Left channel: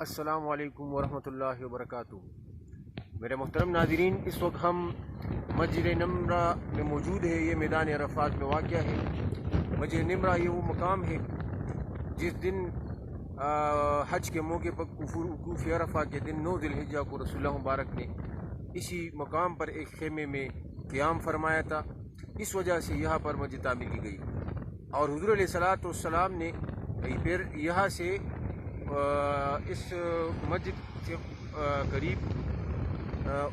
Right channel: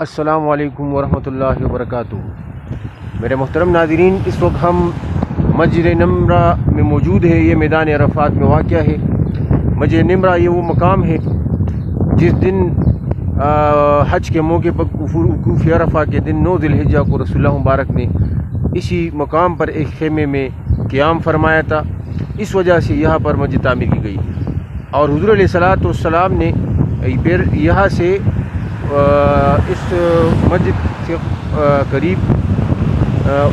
السلام علیکم ورحمۃ اللہ وبرکاتہ۔ میرے محترم ناظرین، اس وقت ہم مسجد نمرہ میں موجود ہیں۔ یہ میدان عرفات میں واقع ہے۔ مسجد نمرہ یہ وہ مقام ہے جس دن حج کے موقع پر وقوف عرفہ کے دن 9 ذی الحجہ کو رسول اللہ مبارک نے اسی مقام پر ایک خیمے میں قیام فرمایا تھا۔ اس وجہ سے یہاں پر مسجد تعمیر کی گئی، اور حضور علیہ الصلوۃ والسلام نے پھر یہاں سے اس مسجد سے قریب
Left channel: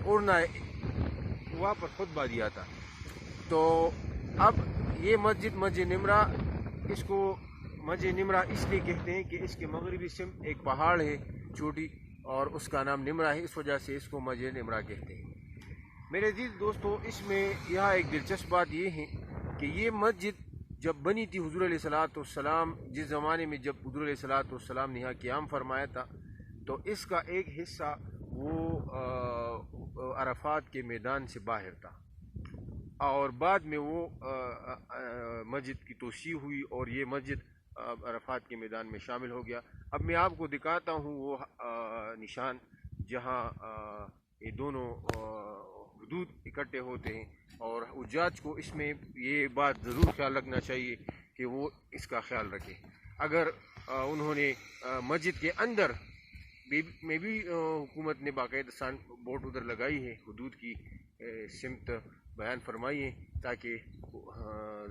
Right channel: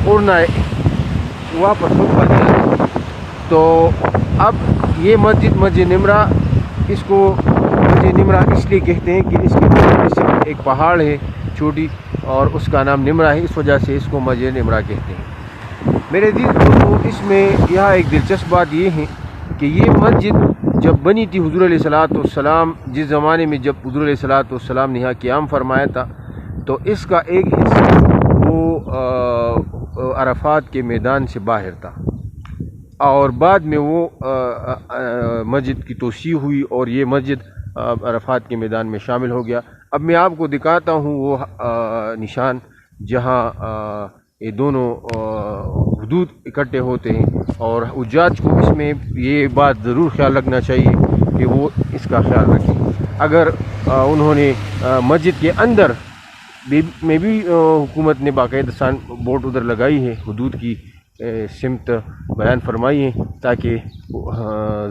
اڑنا واپس خطبہ دیا۔ تو اب یہ مسجد نمرہ، اس کو مسجد نمرہ اس لیے کہتے ہیں کہ اس کے پیچھے ایک پہاڑ ہے چھوٹی، اور اس کا نام نمرہ ہے، اس وجہ سے اس کو مسجد نمرہ کہتے ہیں۔ میرے عزیز دوستو، اس میں یہاں ایک دلچسپ بات یہ ہے کہ یہ مسجد جب بنی تھی حضور علیہ الصلوۃ والسلام، جس زمانے میں جب حضور علیہ الصلوۃ والسلام نے یہاں قیام فرمایا تھا، تو اس کا ایک حصہ وہ عرفات کے میدان سے باہر تھا، اور بعد میں وہ مسجد کی توسیع ہوئی اور یہ مسجد عرفات کے میدان میں شامل ہو گیا۔ اب میں آپ کو دکھاتا ہوں وہ نشان جہاں یہ دونوں حدود اکٹھے ہوتے ہیں، اور حجاج کو اس میں یہ بات ضرور خیال رکھنا چاہیے کہ وہ اس کا خیال رکھیں۔ اگر انہوں نے مسجد کے اندر میں بھی حکومت نے باقاعدہ بورڈ ادھر لگائی ہے، حدود کی سمت بیان فرمائی ہے، تاکہ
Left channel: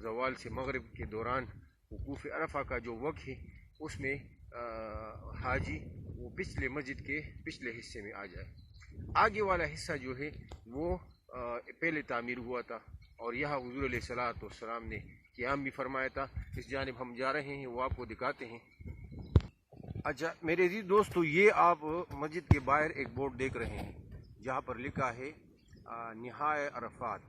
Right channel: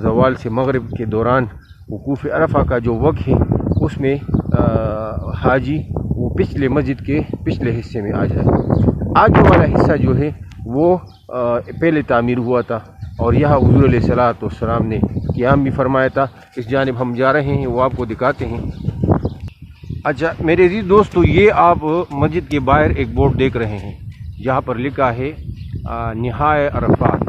زوال سے مغرب کے دوران وقوف عرفہ کا جو وقت ہے اس میں حاجی وہ پچھلے مسجد کے پچھلے حصے میں آ جائے۔ آگے والا حصہ جو ہے وہ پہلے تعمیر ہوا تھا، اور یہاں حضور علیہ الصلوۃ والسلام نے قیام بھی فرمایا تھا۔ اس جانب ہم جا رہے ہیں، وہ آپ کو دکھاتے ہیں۔ اچھا میرے عزیز دوستو، یہ آپ مسجد کے باہر ایک بورڈ دیکھ رہے ہیں جہاں پر لکھا ہے نہائے عرفات،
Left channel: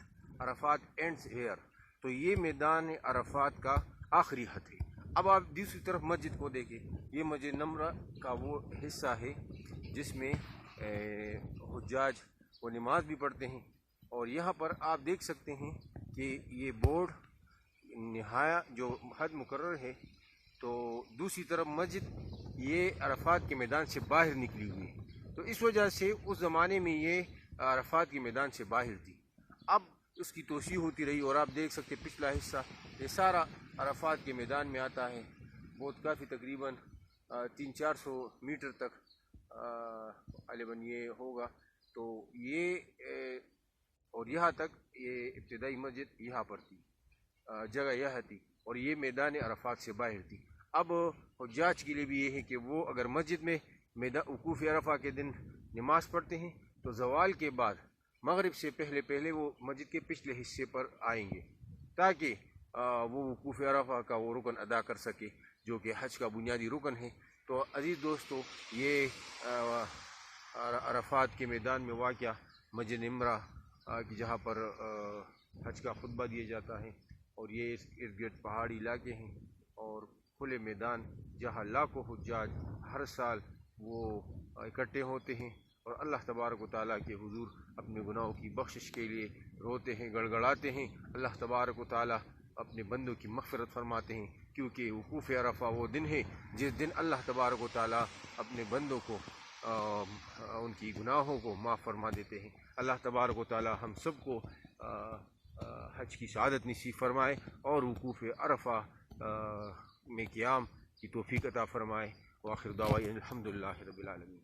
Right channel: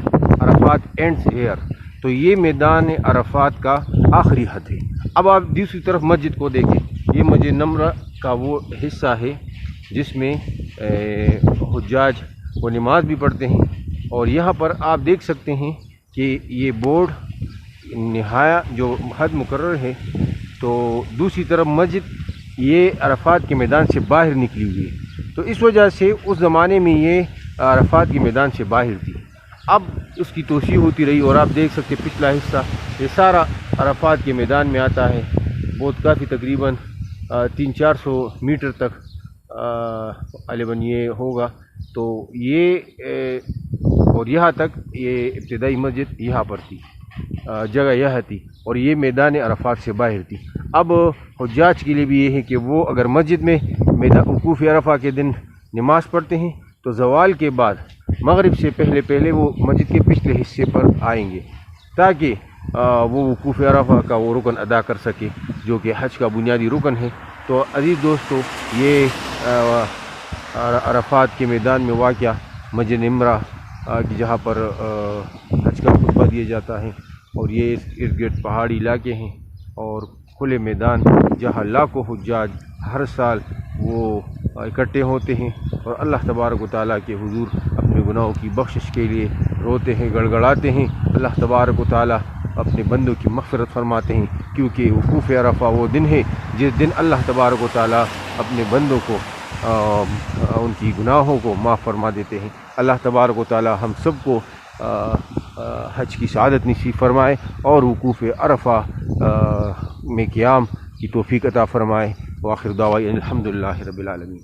عرفات اینڈز ہیئر۔ تو یہ میدان عرفات کا آخری حد ہے۔ اب آپ دوسری طرف مسجد کو دیکھیں، یہ مسجد نمرہ کا وہ حصہ ہے جس میں حجاج وہ نماز بھی پڑھتے ہیں، اور یہاں پر آپ دیکھ سکتے ہیں کہ یہ بورڈ نہایا جو حد مقرر ہے۔ تو دوسری طرف مسجد یہ عرفات کے میدان سے باہر نکلی ہوئی ہے، تو اس وجہ سے اس زمانے میں یہ عرفات کے میدان سے باہر تھی۔ اب اس کی توسیع ہوتی رہی، اور آپ دیکھ سکتے پچھلا حصہ یہ سارا عرفات کے میدان میں آتا ہے، بہت کافی تقریباً 300-400 میٹر تک غالباً یہ ہوگا۔ تو یہ اور یہاں تک یہ ابتدائی مسجد یہاں پر تھی، جگہ یہ تھی، اور یہ میدان عرفات سے باہر تھی۔ اب حجاج کے لیے بھی یہ ہے کہ وہ اگر مسجد میں وقوف عرفہ کے دن نماز پڑھتے ہیں تو زوال کے بعد مغرب سے پہلے وہ مسجد کے پچھلے حصے پر آئیں گے، تاکہ وہ وقوف عرفہ کا وہ رکن ادا کر سکے جو کہ حج کا بنیادی رکن ہے۔ تو عزیز دوستو، یہ عرفات کے میدان میں واقع مسجد نمرہ کی جہاں پر حج کا خطبہ دیا جاتا ہے، اور یہ ارد گرد پہاڑی علاقے ہیں اور کھلے میدان جہاں لاکھوں حجاج ہر سال وہ اکٹھے ہوتے ہیں، اور اللہ تبارک و تعالیٰ کے حضور اپنے گناہوں کی بخشش کے لیے روتے ہیں، گڑ گڑاتے ہیں۔ اللہ تبارک و تعالیٰ اپنے بندوں کی مغفرت فرماتے ہیں، کیونکہ وقوف عرفہ وہ دن ہے جس دن اللہ تبارک و تعالیٰ اپنے بندوں کو ان کی گناہوں کو معاف فرما دیتے ہیں۔ اللہ تبارک و تعالیٰ ہم سب کو حج کی سعادت نصیب فرمائے، اور وقوف عرفہ میں قیام کی توفیق عطا فرمائے۔ وآخر دعوانا الحمدللہ رب العالمین۔